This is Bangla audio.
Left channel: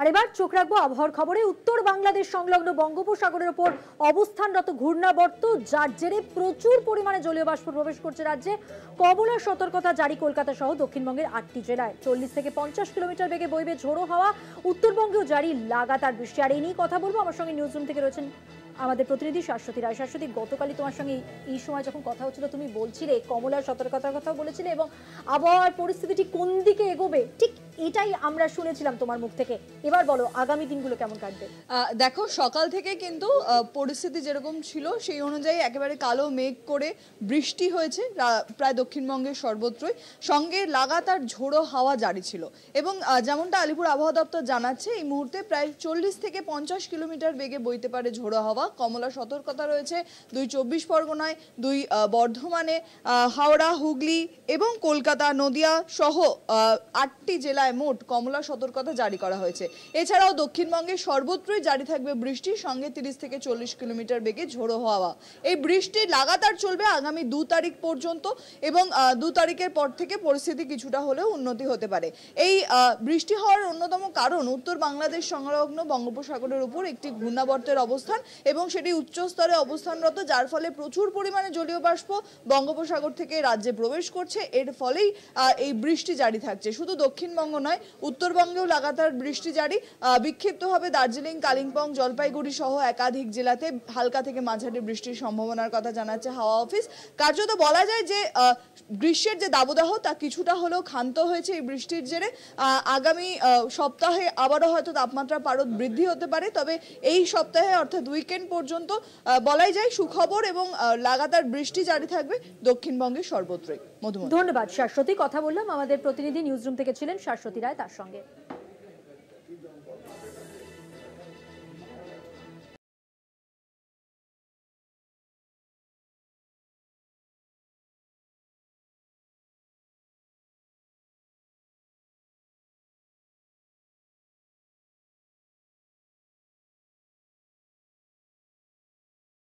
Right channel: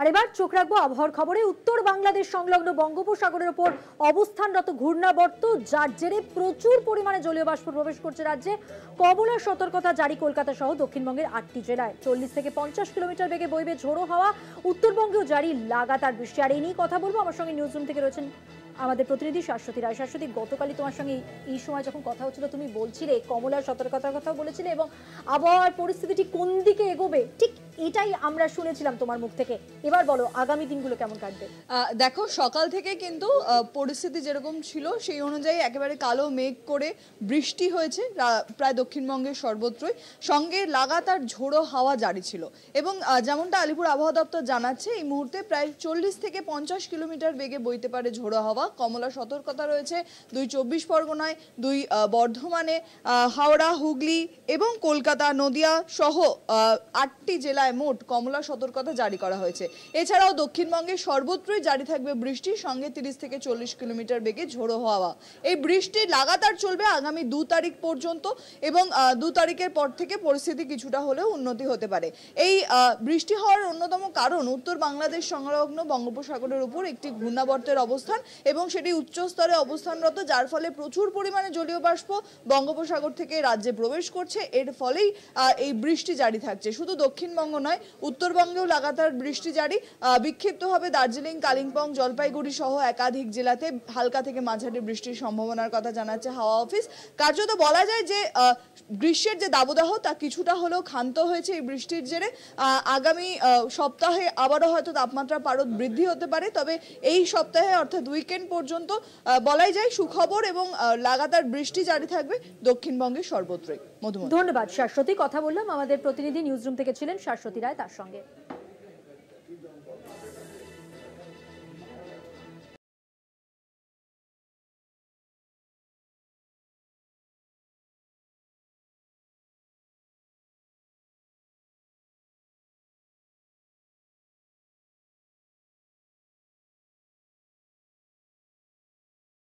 আর এবার চোখ রাখবো আবহাওয়ার খবরে। উত্তর বাংলাদেশ সংলগ্ন বঙ্গোপসাগরের উপর অবস্থানরত ঘূর্ণাবর্ত, যার জেরে প্রচুর পরিমাণে জলীয় বাষ্প প্রবেশ করছে রাজ্যে। কমলা সতর্কতা জারি কলকাতা সহ দক্ষিণবঙ্গের 8টি জেলায়। 40 থেকে 50 কিলোমিটার বেগে বইবে ঝোড়ো হাওয়া। উত্তরবঙ্গেও জারি লাগাতার বৃষ্টি। আর এই নিয়ে কথা বলবো, আমার সঙ্গে নিউজ রুম থেকে রয়েছেন আমাদের প্রতিনিধি শাশ্বতী রায়। শাশ্বতী, গতকালই তোমার সঙ্গে এই সময় যখন কথা হচ্ছিল তুমি বলছিলে কমলার সতর্কতার কথা বলেছিলে এবং আবহাওয়ার পরিস্থিতিটি কোন দিকে এগোবে ঠিক এটাই আমরা শুনেছিলাম তোমার মুখ থেকে। এবার বলো আগামী দিনগুলো কেমন কাটবে? দেখো, সকাল থেকে কিন্তু পরিস্থিতি যেরকম ছিল সেই অনুযায়ী একেবারে কালো মেঘ করে বৃষ্টি হয়েছে প্রায় দক্ষিণবঙ্গের সর্বত্রই, সঙ্গে লাগাতার ঝোড়ো হাওয়া জারি ছিল। এবং যেমনটা আলিপুর আবহাওয়া দপ্তর জানাচ্ছে, এই মুহূর্তে প্রায় 40 থেকে 50 কিলোমিটার বেগে বইতে পারে ঝোড়ো হাওয়া। কমলা সতর্কতা রয়েছে 2 চব্বিশ পরগনায়, 2 বর্ধমানে, হাওড়া, হুগলি এবং কলকাতা, নদিয়া সহ 8টি জেলায় মোট কমলা সতর্কতা জারি করা হয়েছে। এছাড়াও দক্ষিণবঙ্গের সর্বত্রই জারি থাকবে বৃষ্টির সঙ্গে 30 থেকে 40 কিলোমিটার বেগে ঝোড়ো হাওয়া। এই বৃষ্টি লাগাতার চলবে আগামী 2 তারিখ পর্যন্ত এবং 2 তারিখের পর থেকে পরিস্থিতি কিছুটা হলেও উন্নতি হতে পারে। এই বৃষ্টি হওয়ার অন্যতম কারণ উত্তর বাংলাদেশ সংলগ্ন বঙ্গোপসাগরের উপর একটি ঘূর্ণাবর্তের অবস্থান এবং সেটি উচ্চ স্তরে অবস্থানরত, যার ফলে প্রচুর পরিমাণে জলীয় বাষ্প বঙ্গোপসাগর থেকে রাজ্যে প্রবেশ করছে। এর ফলেই এই বৃষ্টি জারি থাকছে। শুধু দক্ষিণবঙ্গ নয়, উত্তরবঙ্গেও লাগাতার বৃষ্টি জারি। বিক্ষিপ্তভাবে দার্জিলিং, কালিম্পং, জলপাইগুড়ি সহ একাধিক জেলাতে হালকা থেকে মাঝারি বৃষ্টির সম্ভাবনার কথা জানাচ্ছে হাওয়া অফিস। কার্যত বলা যায় যে গ্রীষ্মের যে দাবদাহ তা কিছুটা হলেও ক্ষান্ত হয়েছে এই বৃষ্টির জেরে। আগামী সপ্তাহে আবারও হয়তো তাপমাত্রার পারদ বৃদ্ধি হতে পারে, তবে এই সপ্তাহে অর্থাৎ উইকেন্ড পর্যন্ত বলাই যায় সুখবর এবং লাগাতার বৃষ্টি জারি থাকবে দক্ষিণবঙ্গের সর্বত্রই। ধন্যবাদ শাশ্বতী। কথা বললাম আমাদের প্রতিনিধি নিউজ রুম থেকে ছিলেন শাশ্বতী রায়, তার সঙ্গে।